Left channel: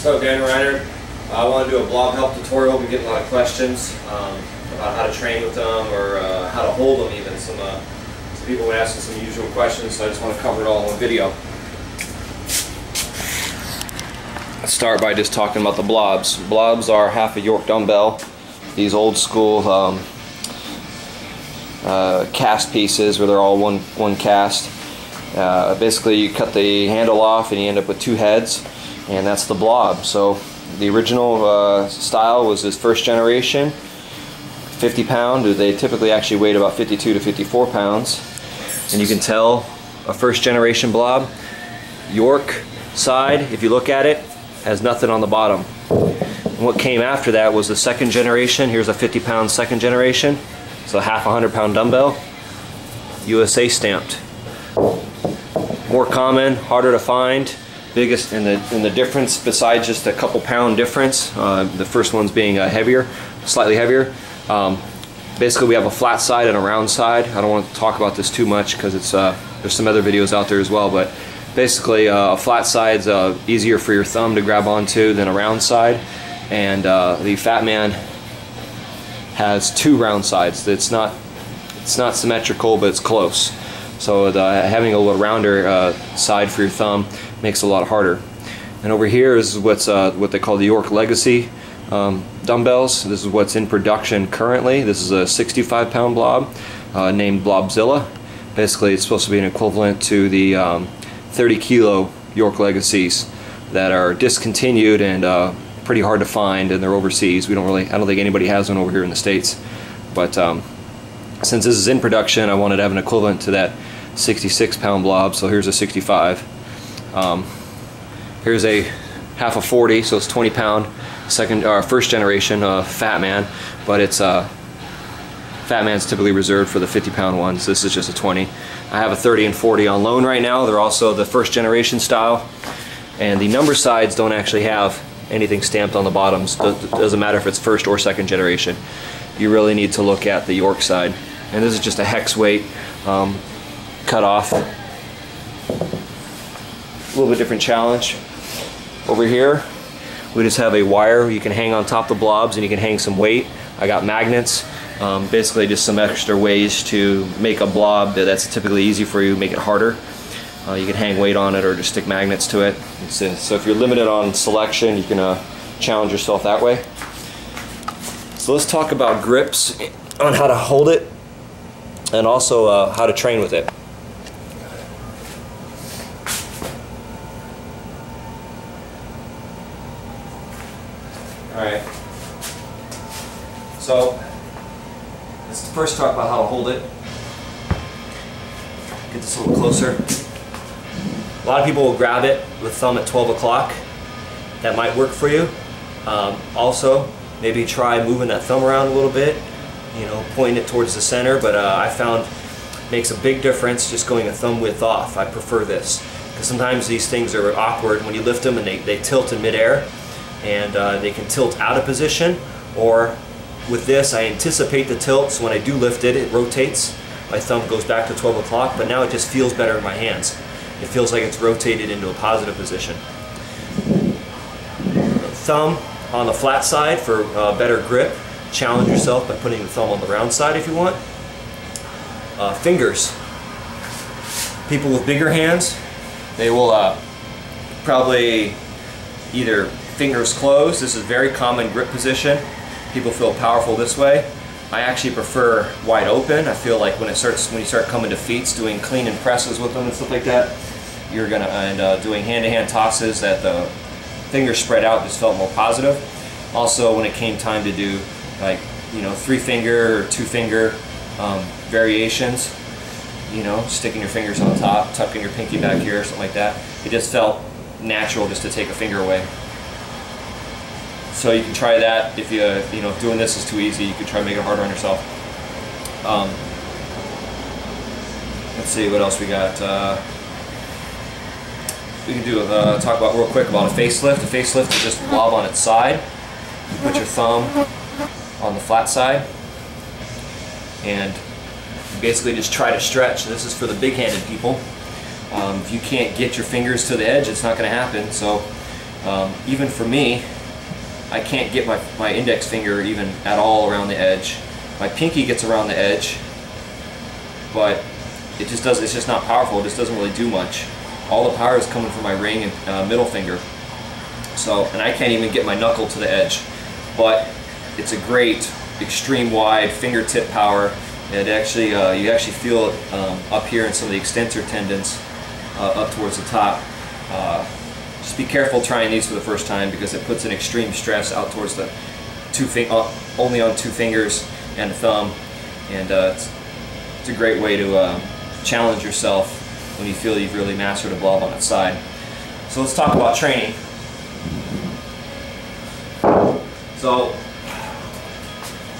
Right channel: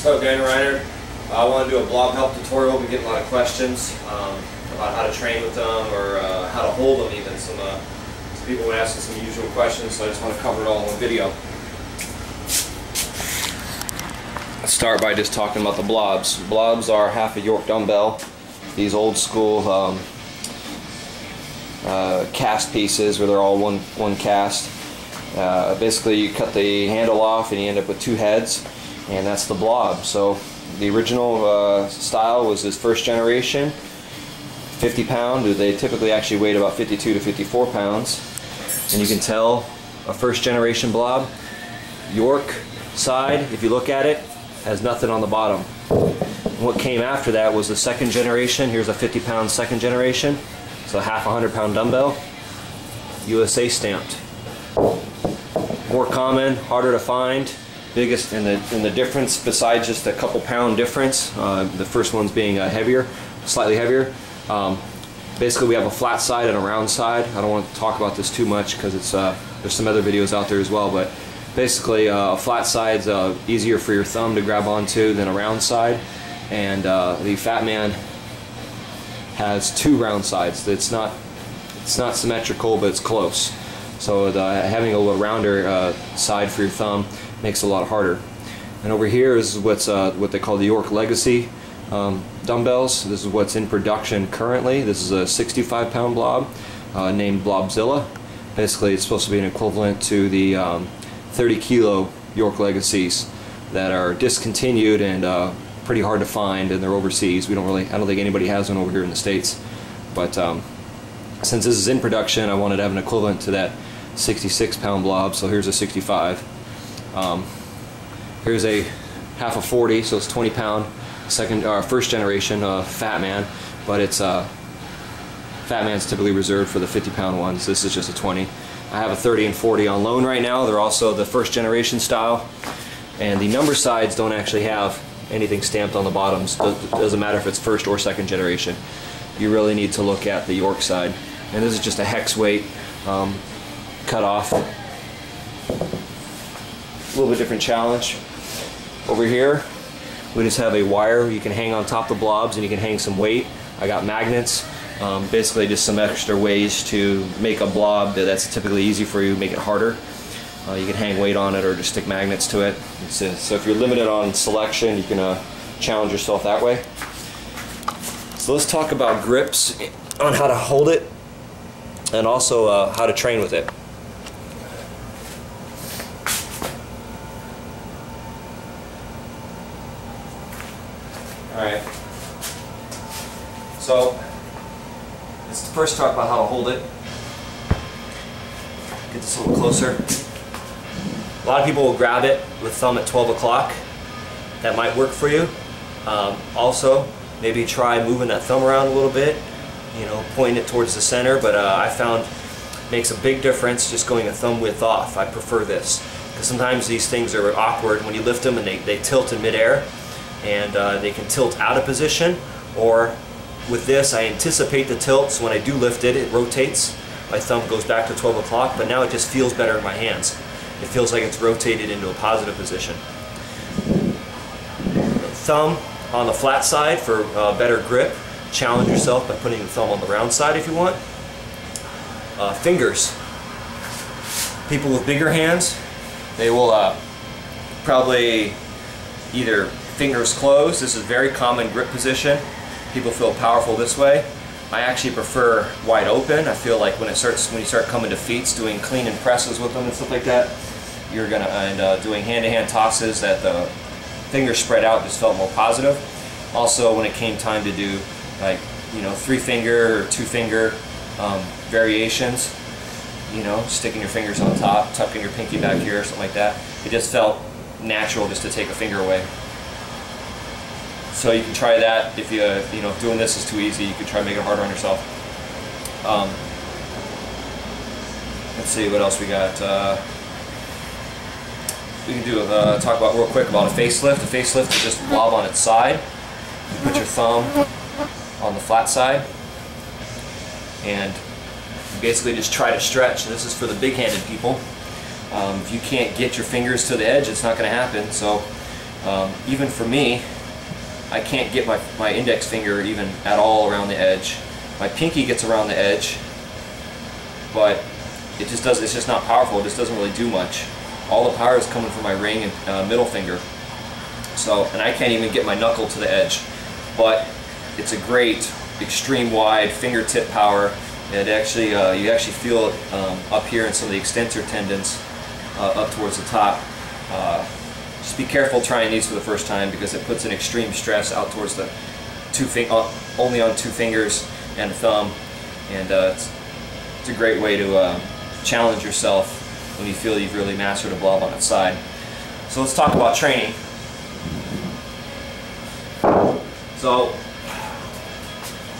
So, Dan Reiner, I want to do a blob help tutorial. We get a lot of questions about how to train with them or how to hold them even. Some people were asking some usual questions, so I just want to cover it all in one video. Let's start by just talking about the blobs. Blobs are half a York dumbbell. These old school cast pieces where they're all one cast. Basically you cut the handle off and you end up with two heads, and that's the blob. So the original style was this first generation, 50 pound. They typically actually weighed about 52 to 54 pounds. And you can tell a first generation blob, York side, if you look at it, has nothing on the bottom. And what came after that was the second generation. Here's a 50 pound second generation. So half a 100-pound dumbbell, USA stamped. More common, harder to find. Biggest in the difference, besides just a couple pound difference, the first one's being heavier, slightly heavier. Basically, we have a flat side and a round side. I don't want to talk about this too much because it's there's some other videos out there as well. But basically, a flat side's easier for your thumb to grab onto than a round side, and the Fat Man has two round sides. It's not symmetrical, but it's close. So having a little rounder side for your thumb makes it a lot harder. And over here is what they call the York Legacy dumbbells. This is what's in production currently. This is a 65 pound blob named Blobzilla. Basically, it's supposed to be an equivalent to the 30 kilo York Legacies that are discontinued and pretty hard to find, and they're overseas. I don't think anybody has one over here in the States. But since this is in production, I wanted to have an equivalent to that 66 pound blob. So here's a 65. Here's a half a 40, so it's 20 pound first generation Fat Man, but it's Fat Man's typically reserved for the 50 pound ones. This is just a 20. I have a 30 and 40 on loan right now. They're also the first generation style, and the number sides don't actually have anything stamped on the bottoms. Doesn't matter if it's first or second generation. You really need to look at the York side. And this is just a hex weight cut off. A little bit different challenge. Over here, we just have a wire you can hang on top of the blobs, and you can hang some weight. I got magnets. Basically just some extra ways to make a blob that's typically easy for you, make it harder. You can hang weight on it or just stick magnets to it. So if you're limited on selection, you can challenge yourself that way. So let's talk about grips, on how to hold it, and also how to train with it. Alright, so let's first talk about how to hold it. Get this a little closer. A lot of people will grab it with thumb at 12 o'clock. That might work for you. Also, maybe try moving that thumb around a little bit, pointing it towards the center, but I found it makes a big difference just going a thumb width off. I prefer this, because sometimes these things are awkward when you lift them and they tilt in midair, and they can tilt out of position. Or with this, I anticipate the tilt, so when I do lift it, it rotates. My thumb goes back to 12 o'clock, but now it just feels better in my hands. It feels like it's rotated into a positive position. Thumb on the flat side for better grip. Challenge yourself by putting the thumb on the round side if you want. Fingers. People with bigger hands, they will probably either fingers closed. This is a very common grip position. People feel powerful this way. I actually prefer wide open. I feel like when you start coming to feats, doing clean and presses with them and stuff like that, you're gonna doing hand-to-hand tosses, that the fingers spread out just felt more positive. Also, when it came time to do like 3-finger or 2-finger variations, sticking your fingers on top, tucking your pinky back here, something like that, it just felt natural just to take a finger away. So you can try that. If if doing this is too easy, you can try to make it harder on yourself. Let's see what else we got. We can do talk about real quick about a facelift. A facelift is just blob on its side. You put your thumb on the flat side, and you basically just try to stretch. This is for the big-handed people. If you can't get your fingers to the edge, it's not going to happen. So Even for me, I can't get my index finger even at all around the edge. My pinky gets around the edge, but it's just not powerful. It just doesn't really do much. All the power is coming from my ring and middle finger. So, and I can't even get my knuckle to the edge. But it's a great extreme wide fingertip power. It actually, you actually feel it up here in some of the extensor tendons up towards the top. Just be careful trying these for the first time because it puts an extreme stress out towards the only on 2 fingers and a thumb, and it's a great way to challenge yourself when you feel you've really mastered a blob on its side. So let's talk about training. So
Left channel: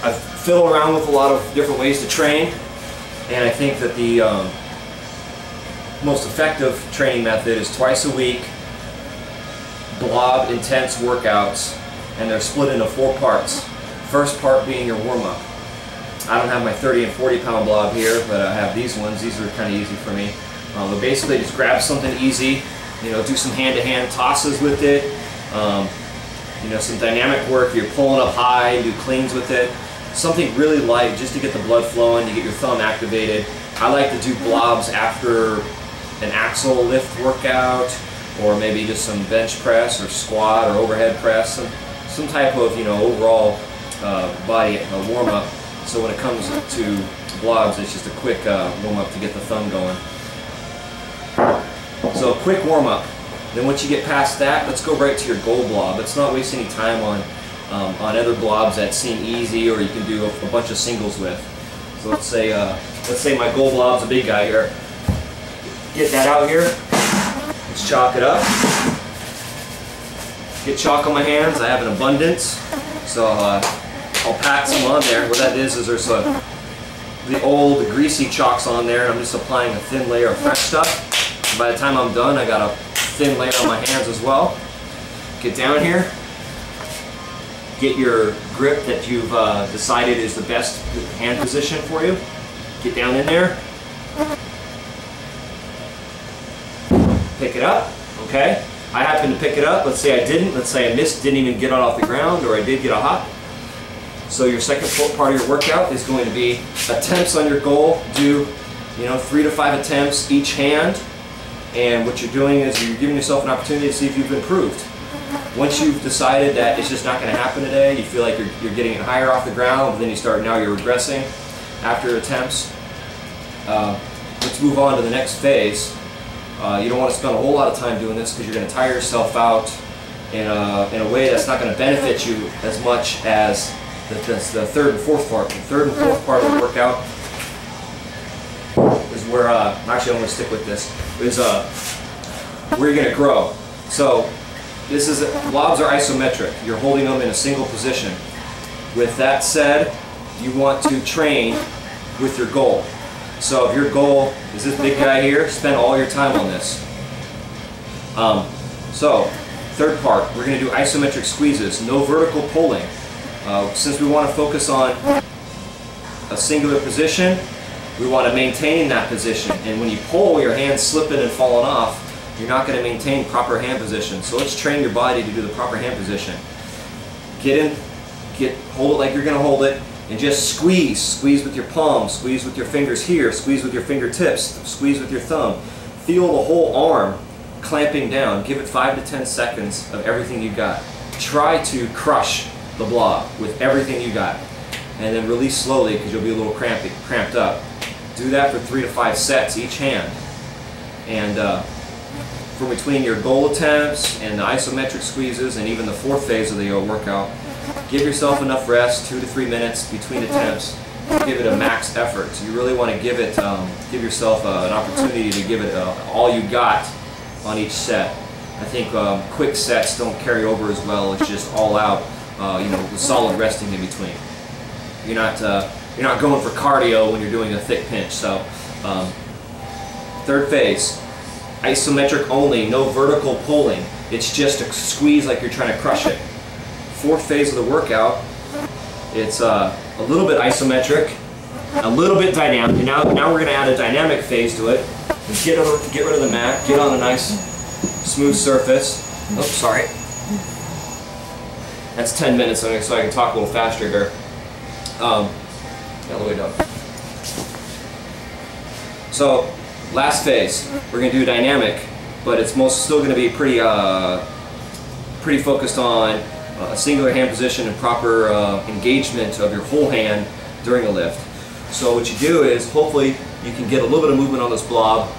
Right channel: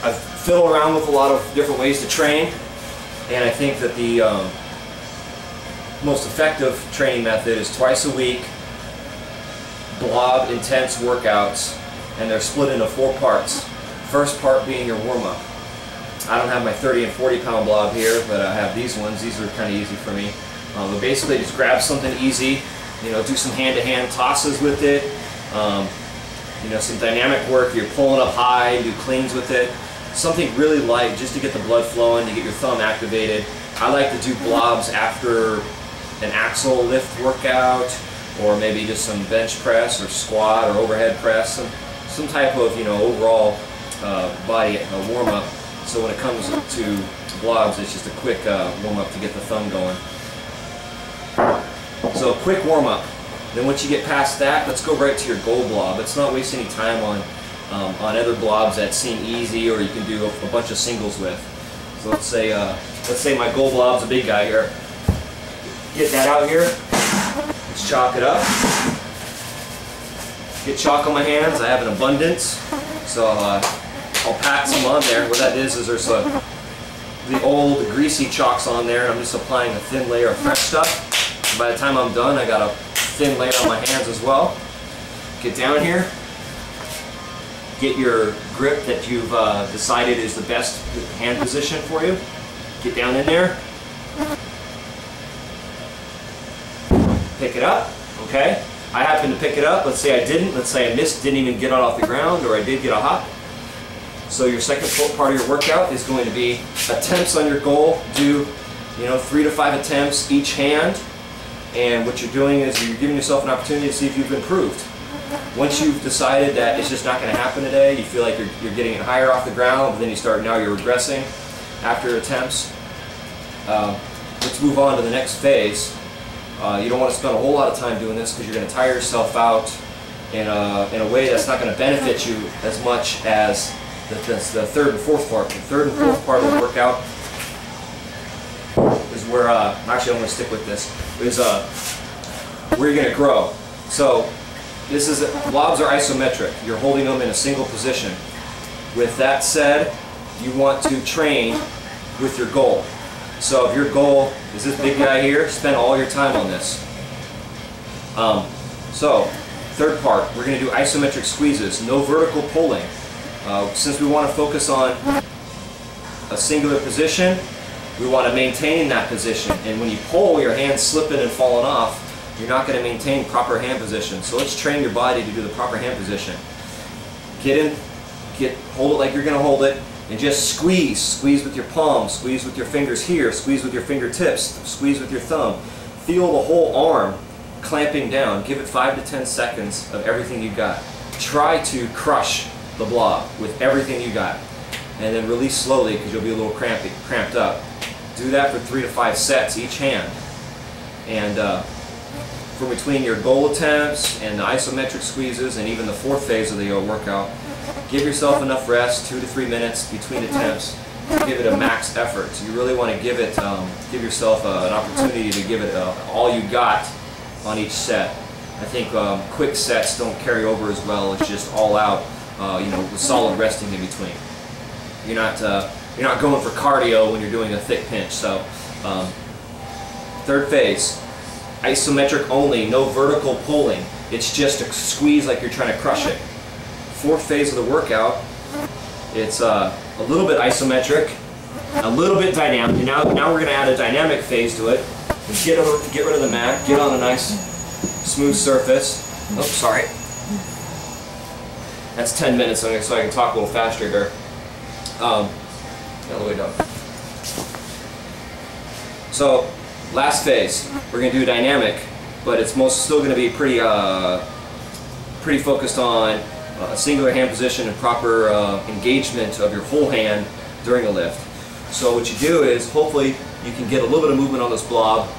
I've fiddled around with a lot of different ways to train, and I think that the most effective training method is twice a week, blob intense workouts, and they're split into 4 parts. First part being your warm-up. I don't have my 30 and 40 pound blob here, but I have these ones. These are kind of easy for me. But basically just grab something easy, you know, do some hand-to-hand tosses with it, you know, some dynamic work. You're pulling up high, do cleans with it. Something really light just to get the blood flowing, to get your thumb activated. I like to do blobs after an axle lift workout, or maybe just some bench press or squat or overhead press, some type of, you know, overall body warm-up. So when it comes to blobs, it's just a quick warm-up to get the thumb going. So quick warm-up. Then once you get past that, let's go right to your goal blob. Let's not waste any time on other blobs that seem easy or you can do a bunch of singles with. So let's say my goal blob's a big guy here. Get that out here. Let's chalk it up. Get chalk on my hands. I have an abundance, so I'll pat some on there. What that is there's the old greasy chalks on there, and I'm just applying a thin layer of fresh stuff. And by the time I'm done, I got a thin layer on my hands as well. Get down here. Get your grip that you've decided is the best hand position for you. Get down in there. Pick it up, okay? I happen to pick it up. Let's say I didn't. Let's say I missed, didn't even get it off the ground, or I did get a hop. So your second part of your workout is going to be attempts on your goal. Do, you know, 3 to 5 attempts each hand. And what you're doing is you're giving yourself an opportunity to see if you've improved. Once you've decided that it's just not going to happen today, you feel like you're getting it higher off the ground, but then now you're regressing after attempts. Let's move on to the next phase. You don't want to spend a whole lot of time doing this because you're going to tire yourself out in a way that's not going to benefit you as much as the third and fourth part. The third and fourth part of the workout is where, actually I'm going to stick with this, is where you're going to grow. So blobs are isometric. You're holding them in a single position. With that said, you want to train with your goal. So if your goal is this big guy here, spend all your time on this. So, third part, we're going to do isometric squeezes, no vertical pulling. Since we want to focus on a singular position, we want to maintain that position. And when you pull, your hand's slipping and falling off, you're not going to maintain proper hand position. So let's train your body to do the proper hand position. Get in, hold it like you're going to hold it, and just squeeze. Squeeze with your palms, squeeze with your fingers here, squeeze with your fingertips, squeeze with your thumb. Feel the whole arm clamping down. Give it 5 to 10 seconds of everything you got. Try to crush the blob with everything you got. And then release slowly because you'll be a little cramped up. Do that for 3 to 5 sets each hand. And from between your goal attempts and the isometric squeezes and even the fourth phase of the workout, give yourself enough rest, 2 to 3 minutes between attempts. Give it a max effort. So you really want to give yourself an opportunity to give it all you got on each set. I think quick sets don't carry over as well. It's just all out, with solid resting in between. You're not going for cardio when you're doing a thick pinch. So, third phase, isometric only, no vertical pulling. It's just a squeeze like you're trying to crush it. Fourth phase of the workout, it's a little bit isometric, a little bit dynamic. And now we're going to add a dynamic phase to it. Get rid of the mat, get on a nice smooth surface. Oops, sorry. That's 10 minutes, so I can talk a little faster here. All the way down. So, last phase, we're going to do dynamic, but it's still going to be pretty focused on a singular hand position and proper engagement of your whole hand during a lift. So what you do is, hopefully, you can get a little bit of movement on this blob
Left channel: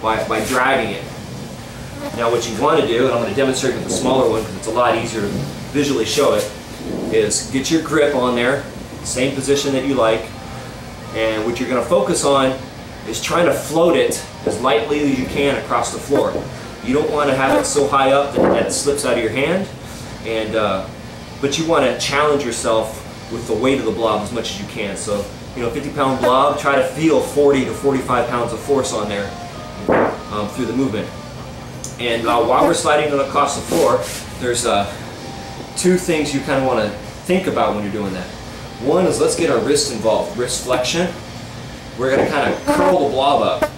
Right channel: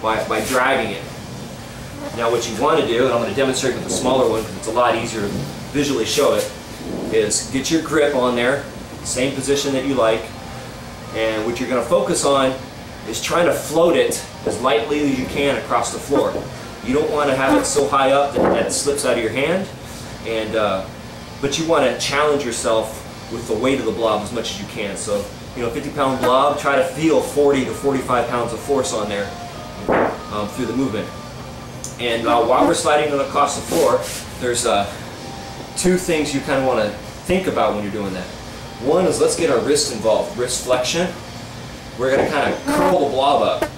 by dragging it. Now what you want to do, and I'm going to demonstrate with the smaller one because it's a lot easier to visually show it, is get your grip on there, same position that you like, and what you're going to focus on is trying to float it as lightly as you can across the floor. You don't want to have it so high up that it slips out of your hand, but you want to challenge yourself with the weight of the blob as much as you can. So, 50-pound blob, try to feel 40 to 45 pounds of force on there through the movement. And while we're sliding across the floor, there's two things you kind of want to think about when you're doing that. One is, let's get our wrist involved, wrist flexion. We're going to kind of curl the blob up,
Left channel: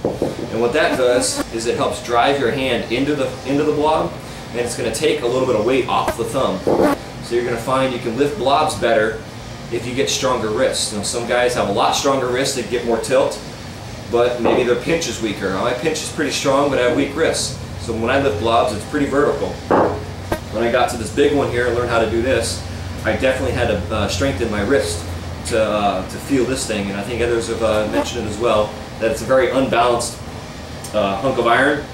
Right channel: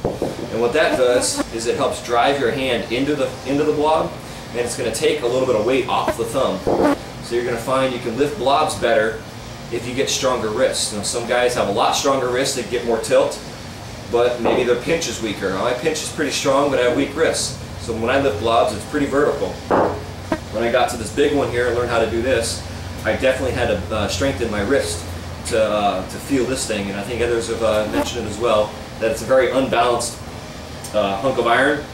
and what that does is it helps drive your hand into the blob, and it's going to take a little bit of weight off the thumb. So you're going to find you can lift blobs better if you get stronger wrists. Some guys have a lot stronger wrists, they get more tilt, but maybe their pinch is weaker. My pinch is pretty strong, but I have weak wrists. So when I lift blobs, it's pretty vertical. When I got to this big one here and learned how to do this, I definitely had to strengthen my wrist to feel this thing, and I think others have mentioned it as well, that it's a very unbalanced hunk of iron,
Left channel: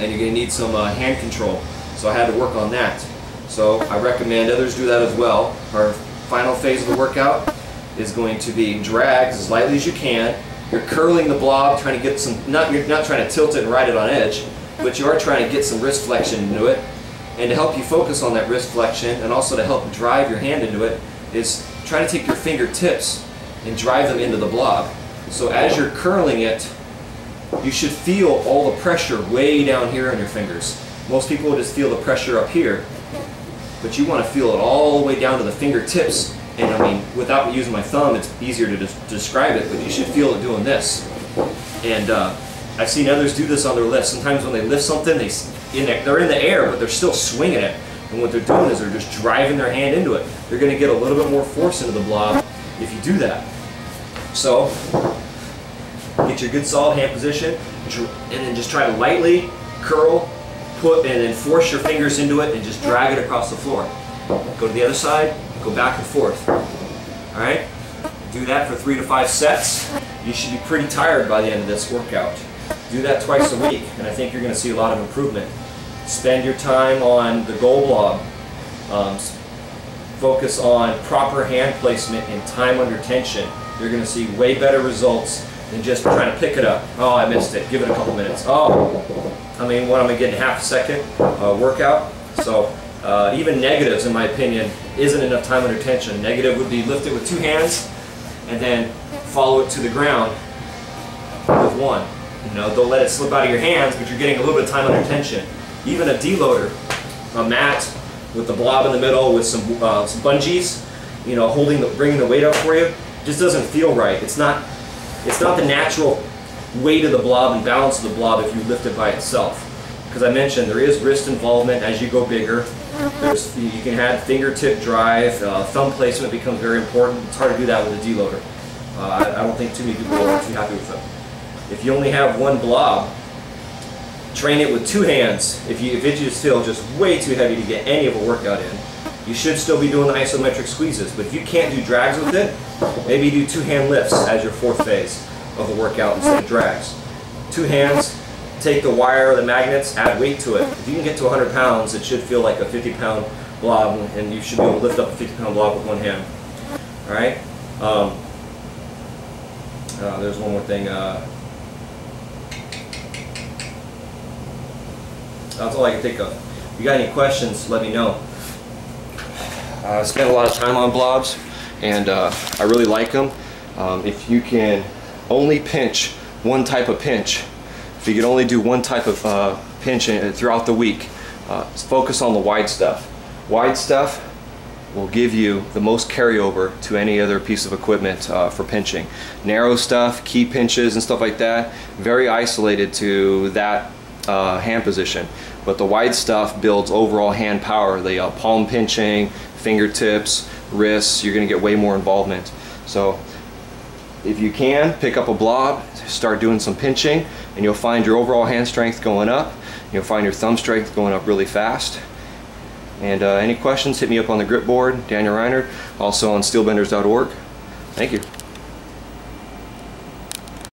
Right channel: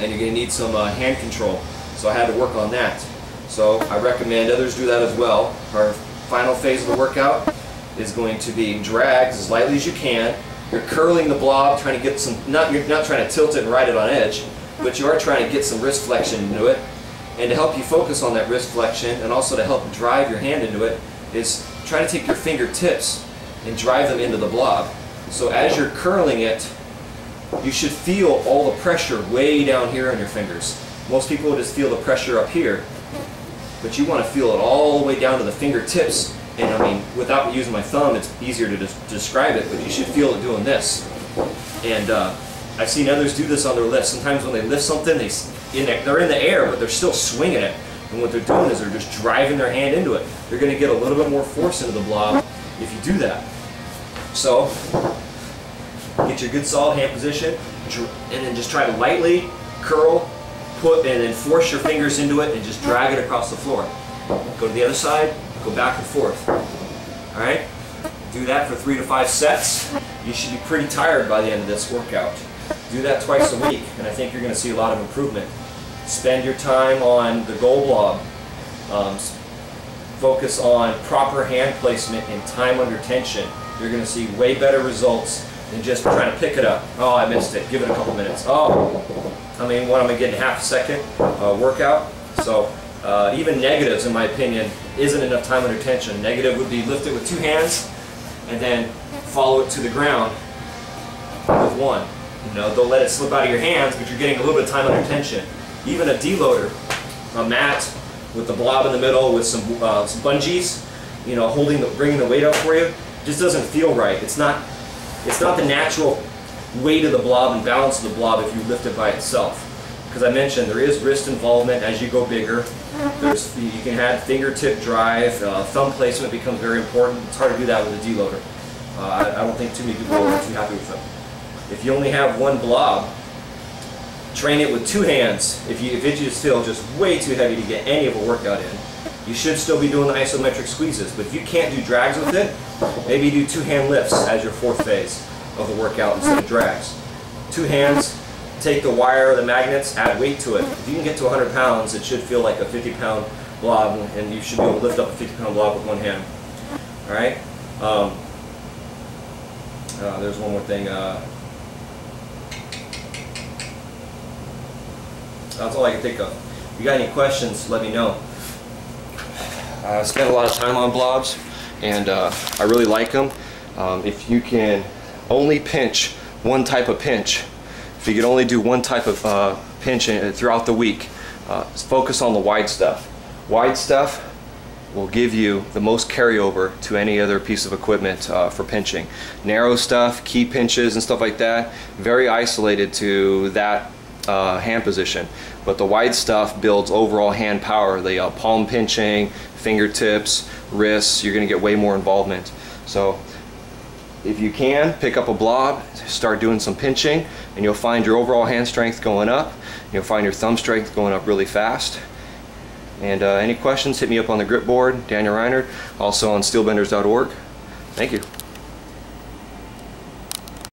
and you're going to need some hand control. So I had to work on that. So I recommend others do that as well. Our final phase of the workout is going to be drags as lightly as you can. You're curling the blob, trying to get some, you're not trying to tilt it and ride it on edge, but you are trying to get some wrist flexion into it. And to help you focus on that wrist flexion, and also to help drive your hand into it, is try to take your fingertips and drive them into the blob. So as you're curling it, you should feel all the pressure way down here on your fingers. Most people just feel the pressure up here, but you want to feel it all the way down to the fingertips. And I mean, without using my thumb, it's easier to describe it, but you should feel it doing this. And I've seen others do this on their lifts. Sometimes when they lift something, they're in the air, but they're still swinging it. And what they're doing is they're just driving their hand into it. They're going to get a little bit more force into the blob if you do that. So, get your good solid hand position, and then just try to lightly curl, and then force your fingers into it and just drag it across the floor. Go to the other side, go back and forth. Alright? Do that for 3 to 5 sets. You should be pretty tired by the end of this workout. Do that twice a week, and I think you're going to see a lot of improvement. Spend your time on the goal blob. Focus on proper hand placement and time under tension. You're going to see way better results than just trying to pick it up. Oh, I missed it. Give it a couple minutes. Oh, I mean, what am I getting, half a second workout? So even negatives, in my opinion, isn't enough time under tension. Negative would be lift it with 2 hands and then follow it to the ground with 1. Don't let it slip out of your hands, but you're getting a little bit of time under tension. Even a deloader, a mat with the blob in the middle with some bungees, bringing the weight up for you, just doesn't feel right. It's not the natural weight of the blob and balance of the blob if you lift it by itself. Because I mentioned there is wrist involvement as you go bigger. You can have fingertip drive, thumb placement becomes very important. It's hard to do that with a deloader. I don't think too many people are too happy with them. If you only have 1 blob, train it with 2 hands. If it just feels just way too heavy to get any of a workout in, you should still be doing the isometric squeezes. But if you can't do drags with it, maybe do 2-hand lifts as your 4th phase of the workout instead of drags. 2 hands, take the wire or the magnets, add weight to it. If you can get to 100 pounds, it should feel like a 50-pound blob, and you should be able to lift up a 50-pound blob with 1 hand. All right? There's one more thing. That's all I can think of. If you got any questions, let me know. I spent a lot of time on blobs, and I really like them. If you can only pinch one type of pinch, if you can only do one type of pinch throughout the week, focus on the wide stuff. Wide stuff will give you the most carryover to any other piece of equipment for pinching. Narrow stuff, key pinches and stuff like that, very isolated to that hand position. But the wide stuff builds overall hand power. The palm pinching, fingertips, wrists, you're going to get way more involvement. So if you can, pick up a blob, start doing some pinching, and you'll find your overall hand strength going up. You'll find your thumb strength going up really fast. And any questions, hit me up on the grip board, Daniel Reinert, also on steelbenders.org. Thank you.